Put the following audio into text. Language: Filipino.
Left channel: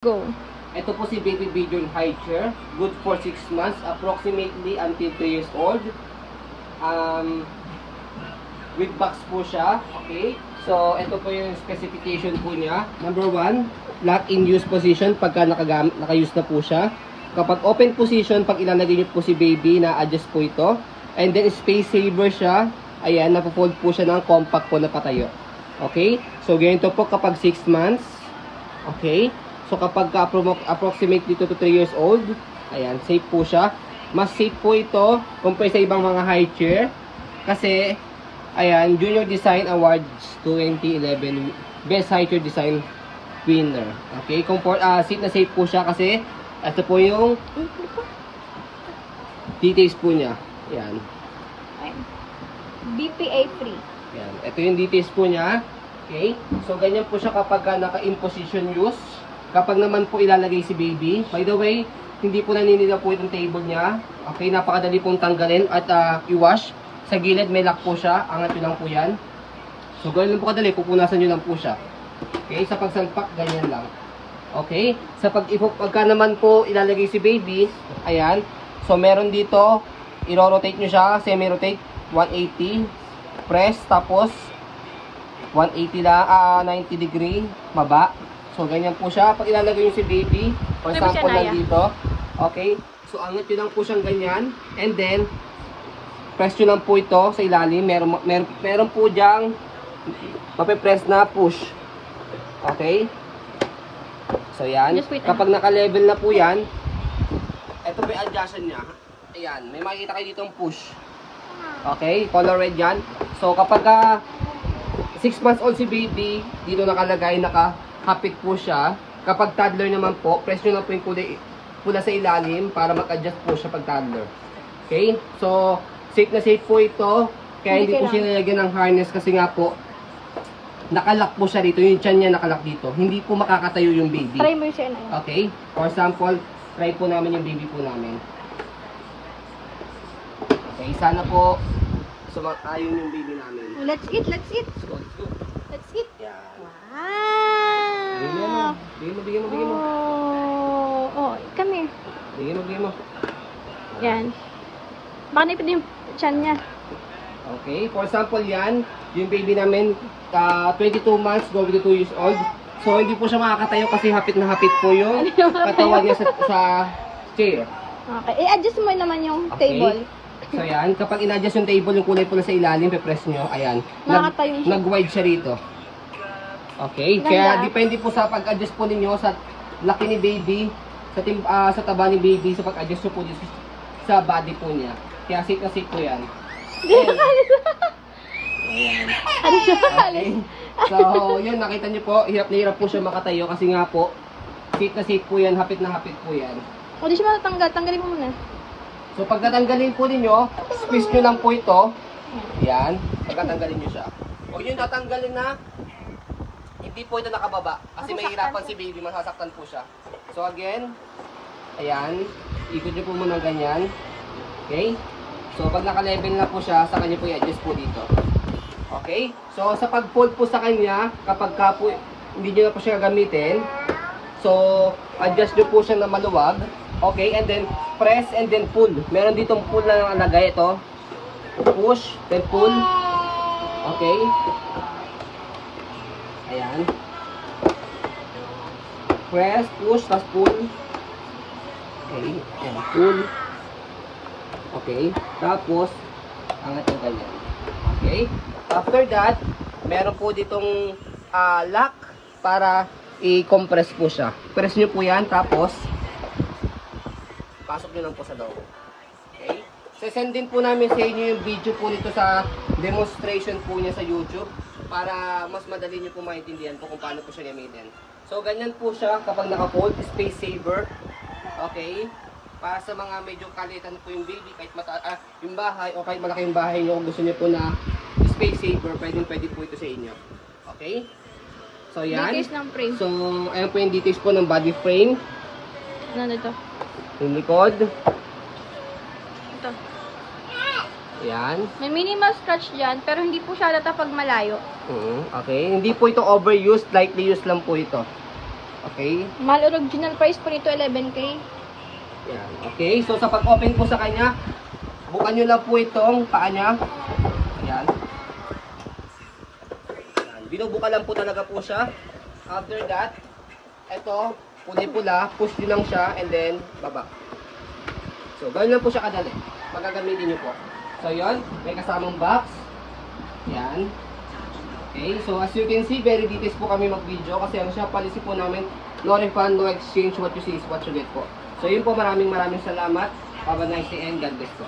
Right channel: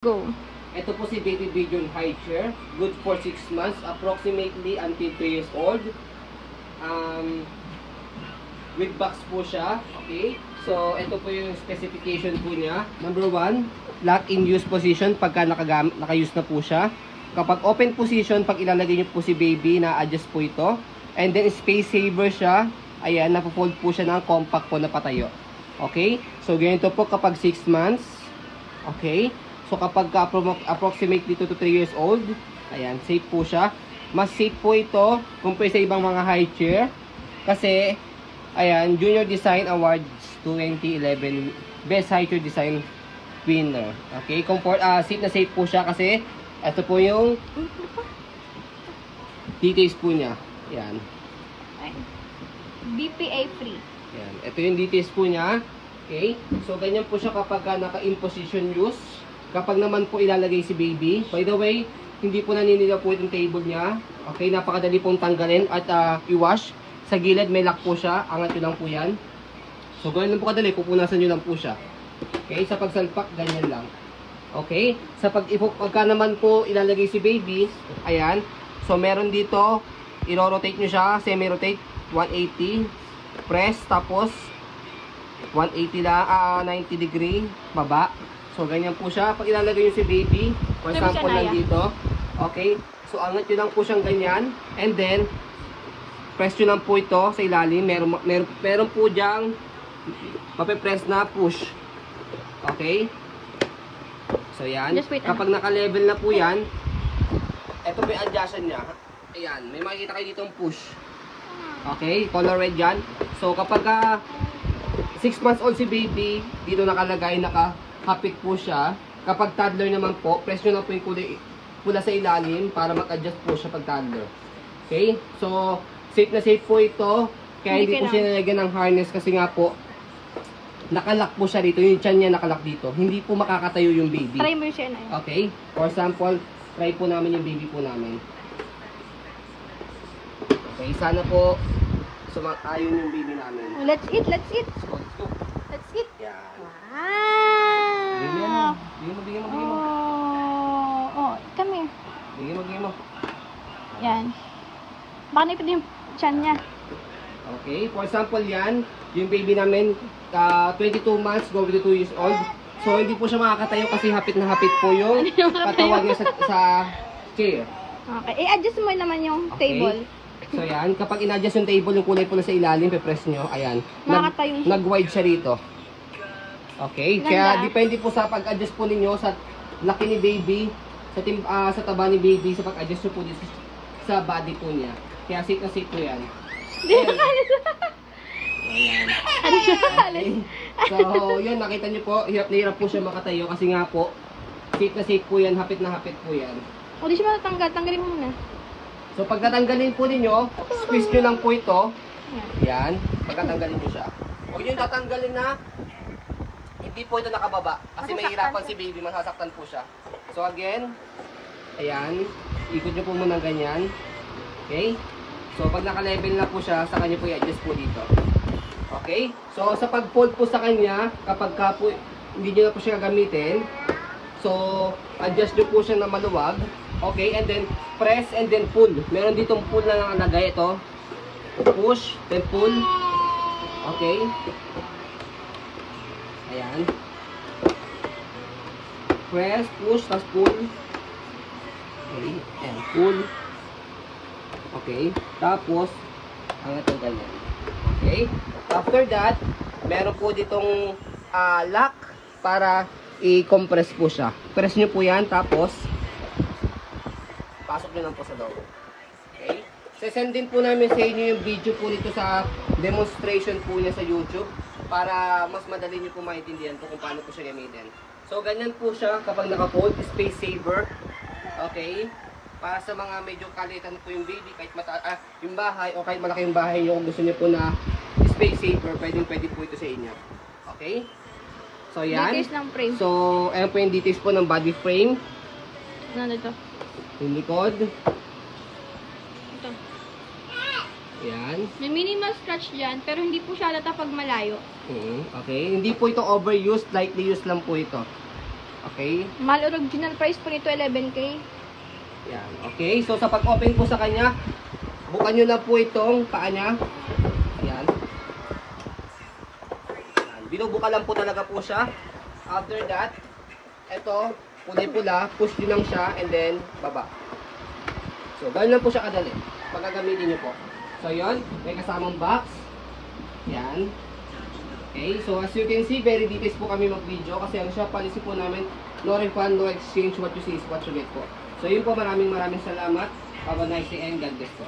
Go. Ito po si Baby Bjorn High Chair. Good for 6 months, approximately until 3 years old. With box po siya. Okay. So, ito po yung specification po niya. Number 1, lock in use position pagka naka-use na po siya. Kapag open position, pag ilalagay niyo po si baby, na-adjust po ito. And then, space saver siya. Ayan, napo-fold po siya ng compact po na patayo. Okay. So, ganito po kapag 6 months. Okay. So, kapag approximately 2 to 3 years old, ayan, safe po siya. Mas safe po ito compare sa ibang mga high chair. Kasi, ayan, Junior Design Awards 2011 Best High Chair Design winner. Okay, safe na safe po siya kasi ito po yung details po niya. Ayan. BPA free. Ayan. Ito yung details po niya. Okay, so ganyan po siya kapag naka-in-position use. Kapag naman po ilalagay si baby, by the way, hindi po naninila po itong table niya. Okay, napakadali pong tanggalin at i-wash. Sa gilid may lock po siya, angat nyo lang po yan. So, gawin lang po kadali, pupunasan nyo lang po siya. Okay, sa pagsalpak, ganyan lang. Okay, sa pagka naman po ilalagay si baby, ayan. So, meron dito, i-rotate nyo siya, semi-rotate, 180, press, tapos 180 lang, 90 degree, baba. So, ganyan po siya. Pag ilalagay nyo si baby, for example lang dito. Okay. So, angat nyo lang po siyang ganyan. And then, press nyo lang po ito sa ilalim. Meron po dyang mapipress na push. Okay. So, yan. Kapag naka-level na po yan, ito po yung adjustment niya. Ayan. May makikita kayo dito ang push. Okay. Color red yan. So, kapag 6 months old si baby, dito nakalagay, hapit po siya. Kapag toddler naman po, press nyo lang po yung kulay pula sa ilalim para mag-adjust po siya pag toddler. Okay? So, safe na safe po ito. Kaya hindi po siya nalagyan ng harness kasi nga po, nakalock po siya dito. Yung tiyan niya nakalock dito. Hindi po makakatayo yung baby. Try mo siya. Okay? For example, try po namin yung baby po namin. Okay, sana po sumakayo yung baby namin. Let's eat, let's eat. Let's eat. Yan. Wow. Bigyan mo. Come here. Bigyan mo. Yan. Baka nipid yung tiyan niya. Okay, for example yan, yung baby namin, 22 months, going to 2 years old. So, hindi po siya makakatayo kasi hapit na hapit po yung katawan niya sa chair. Okay, i-adjust mo naman yung table. So, yan, kapag in-adjust yung table, yung kulay po na sa ilalim, pe-press nyo, ayan. Nag-wide siya rito. Okay, kaya depende po sa pag-adjust po ninyo sa laki ni baby, sa taba ni baby, sa pag-adjust po dito sa body po niya. Kaya safe na safe po yan. Ayan. Okay. So, yun, nakita nyo po, hirap na hirap po siya makatayo kasi nga po, safe na safe po yan, hapit na hapit po yan. O, di siya matanggal. Tanggalin mo muna. So, pag natanggalin po ninyo, squeeze nyo lang po ito. Yan, pagkatanggalin nyo siya. O yun, tatanggalin na, hindi po ito nakababa. Kasi mahirapan si baby, masasaktan po siya. So, again, ayan, ikot nyo po muna ganyan. Okay? So, pag naka-level na po siya, saka nyo po i-adjust po dito. Okay? So, sa pag-fold po sa kanya, kapag ka po, hindi nyo na po siya gagamitin, so, adjust nyo po siya na maluwag. Okay? And then, press and then pull. Meron ditong pull na nakalagay ito. Push, then pull. Okay? Ayan. Press, push, tapos pull. Okay? And pull. Okay? Tapos, angat yung ganyan. Okay? After that, meron po ditong lock para i-compress po siya. Press nyo po yan, tapos pasok nyo lang po sa loob. Okay? Sesend din po namin sa inyo yung video po nito sa demonstration po niya sa YouTube para mas madali nyo po maintindihan po kung paano po siya gamitin. So, ganyan po siya kapag naka-fold, space saver. Okay? Para sa mga medyo kalitan po yung baby, kahit yung bahay o kahit malaki yung bahay nyo, kung gusto nyo po na space saver, pwede po ito sa inyo. Okay? So, yan. Details ng frame. So, ayan po yung details po ng body frame. Ano ito? Yung likod. Ito. Yan. May minimal scratch dyan, pero hindi po siya halata pag malayo. Okay. Hindi po ito overused, lightly used lang po ito. Okay? Mahal original price po nito 11K. Yan. Okay, so sa pag-open po sa kanya, bukan nyo lang po itong paa niya. Yan. Yan. Binubuka lang po talaga po siya. After that, ito, kulay-pula, push din lang siya, and then, baba. So, ganoon lang po siya kadali. Pagkagamitin nyo po. So, yun, may kasamang box. Yan. Okay, so as you can see, very details po kami mag-video kasi ano siya, policy po namin, no refund, no exchange, what you see is what you get po. So, yun po, maraming salamat. Have a nice day and God bless po.